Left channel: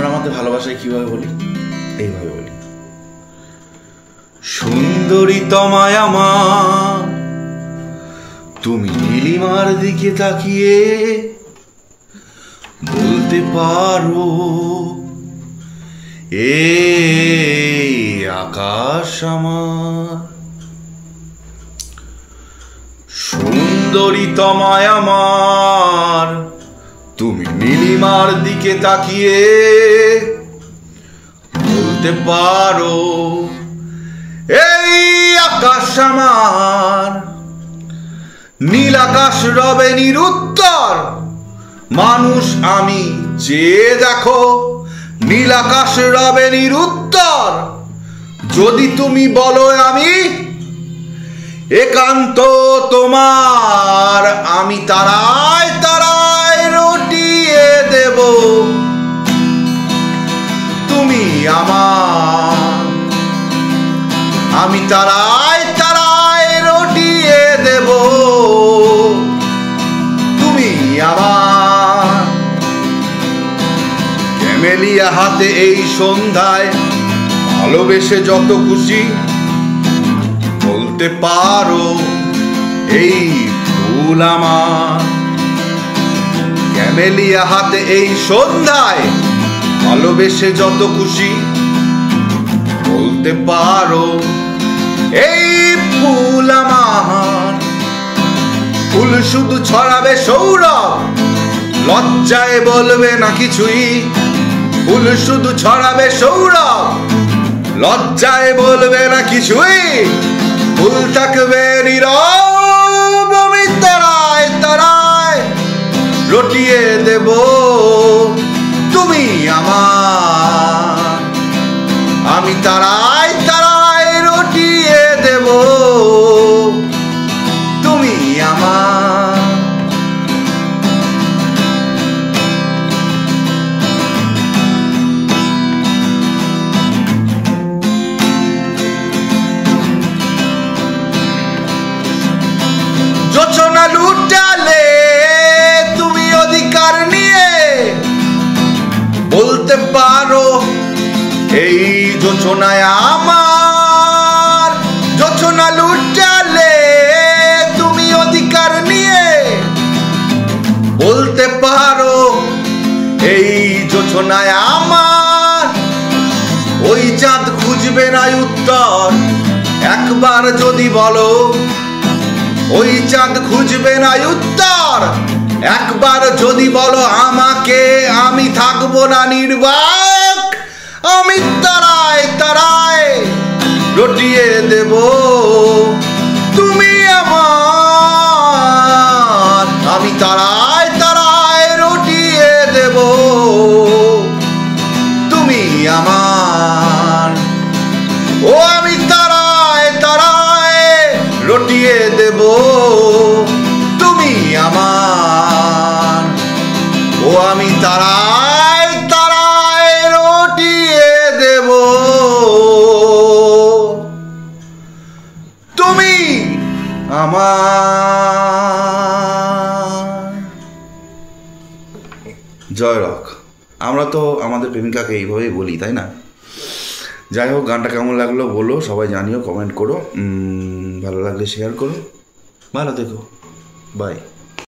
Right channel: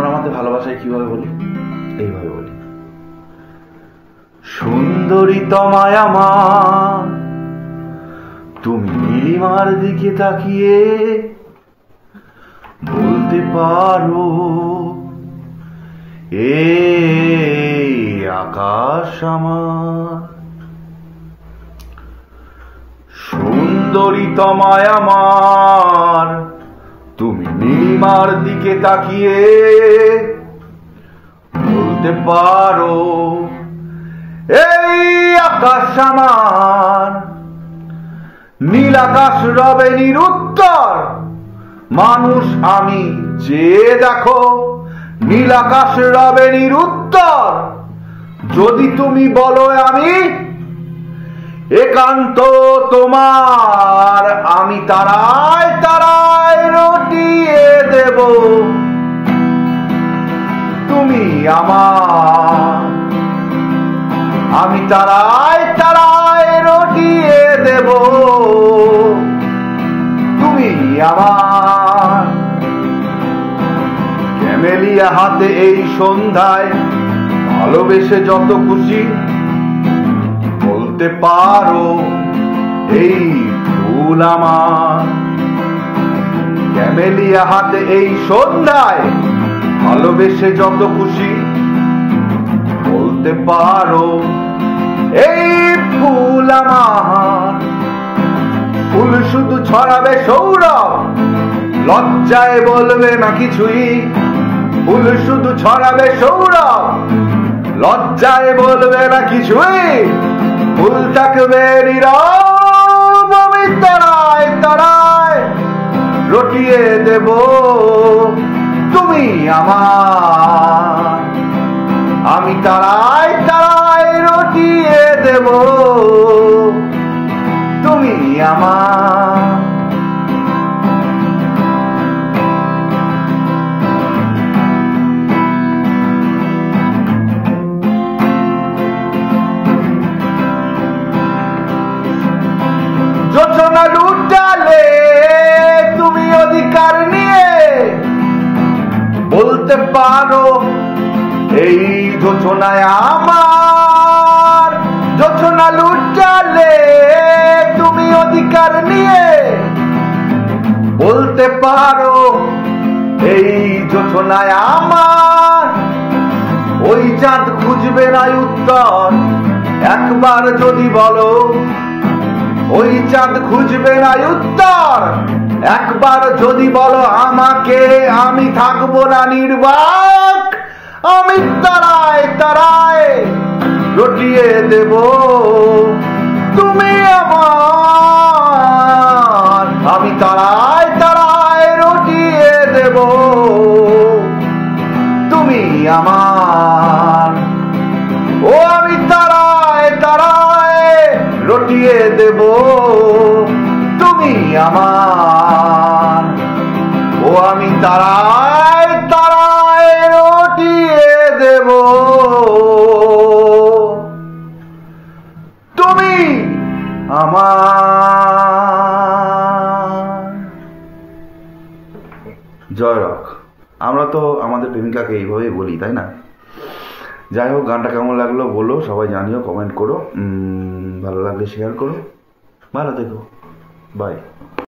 আমরা আমাদের ভালোবাসায় কিভাবে বলি, এইভাবে বলি, সুন্দরী তোমায় আমার, তুমি নীলিমার দিকে তাকিয়ে বলতে পারো এই আকাশ আমার। সুন্দরী তোমায় আমার, তুমি নীলিমার দিকে তাকিয়ে বলতে পারো এই আকাশ আমার। নীল আকাশ রবে নিরুত্তর, মানুষ আমি চেয়ে দেখো, নীল আকাশ রবে নিরুত্তর, যদি তুমি বলো আমি একান্ত তোমার, আমি তারায় তারায় রটিয়ে দেব তুমি আমার। আমি তারায় তারায় রটিয়ে দেব তুমি আমার। ক্যামেলিয়া হাতে এই সন্ধ্যায় ভালোবেসে যত খুশি বলতে পারো এই ফুল আমার। ক্যামেলিয়া হাতে এই সন্ধ্যায় ভালোবেসে যত খুশি বলতে পারো এই ফুল আমার। ফুল শুধু ছড়াবে সৌরভ, লজ্জায় বলবে না কিছুই। ফুল শুধু ছড়াবে সৌরভ, লজ্জায় বলবে না কিছুই। ফুল থাকবে নীরব, আমি তারায় তারায় রটিয়ে দেব তুমি আমার। আমি তারায় তারায় রটিয়ে দেব তুমি আমার। যোচনা লুটালে তুমি অধিকার নিয়ে বলতে পারো এই যোচনায় আমার। যোচনা লুটালে তুমি অধিকার নিয়ে বলতে পারো এই যোচনায় আমার। ওই চাঁদ খুঁজবে না উত্তর, একবার যদি বলো ওই চাঁদ খুঁজবে না উত্তর, একবার যদি বলো আমাকে, আমি থাকবো না নির্বাক। আমি তারায় তারায় রটিয়ে দেব তুমি আমার। আমি তারায় তারায় রটিয়ে দেব তুমি আমার। ও আমি তারায় তারায় রটিয়ে দেব তুমি আমার। ও আমি তারায় তারায় রটিয়ে দেব তুমি আমার। জয় রক। আমরা তো আমাদের প্রেমিকাকে এইভাবেই বলি, তাই না? যাই হোক, গানটা কেমন লাগলো বলো, সবাই জানিও, কমেন্ট করো, ভালো লাগলে শেয়ার করো। ভালো থেকো, বাই।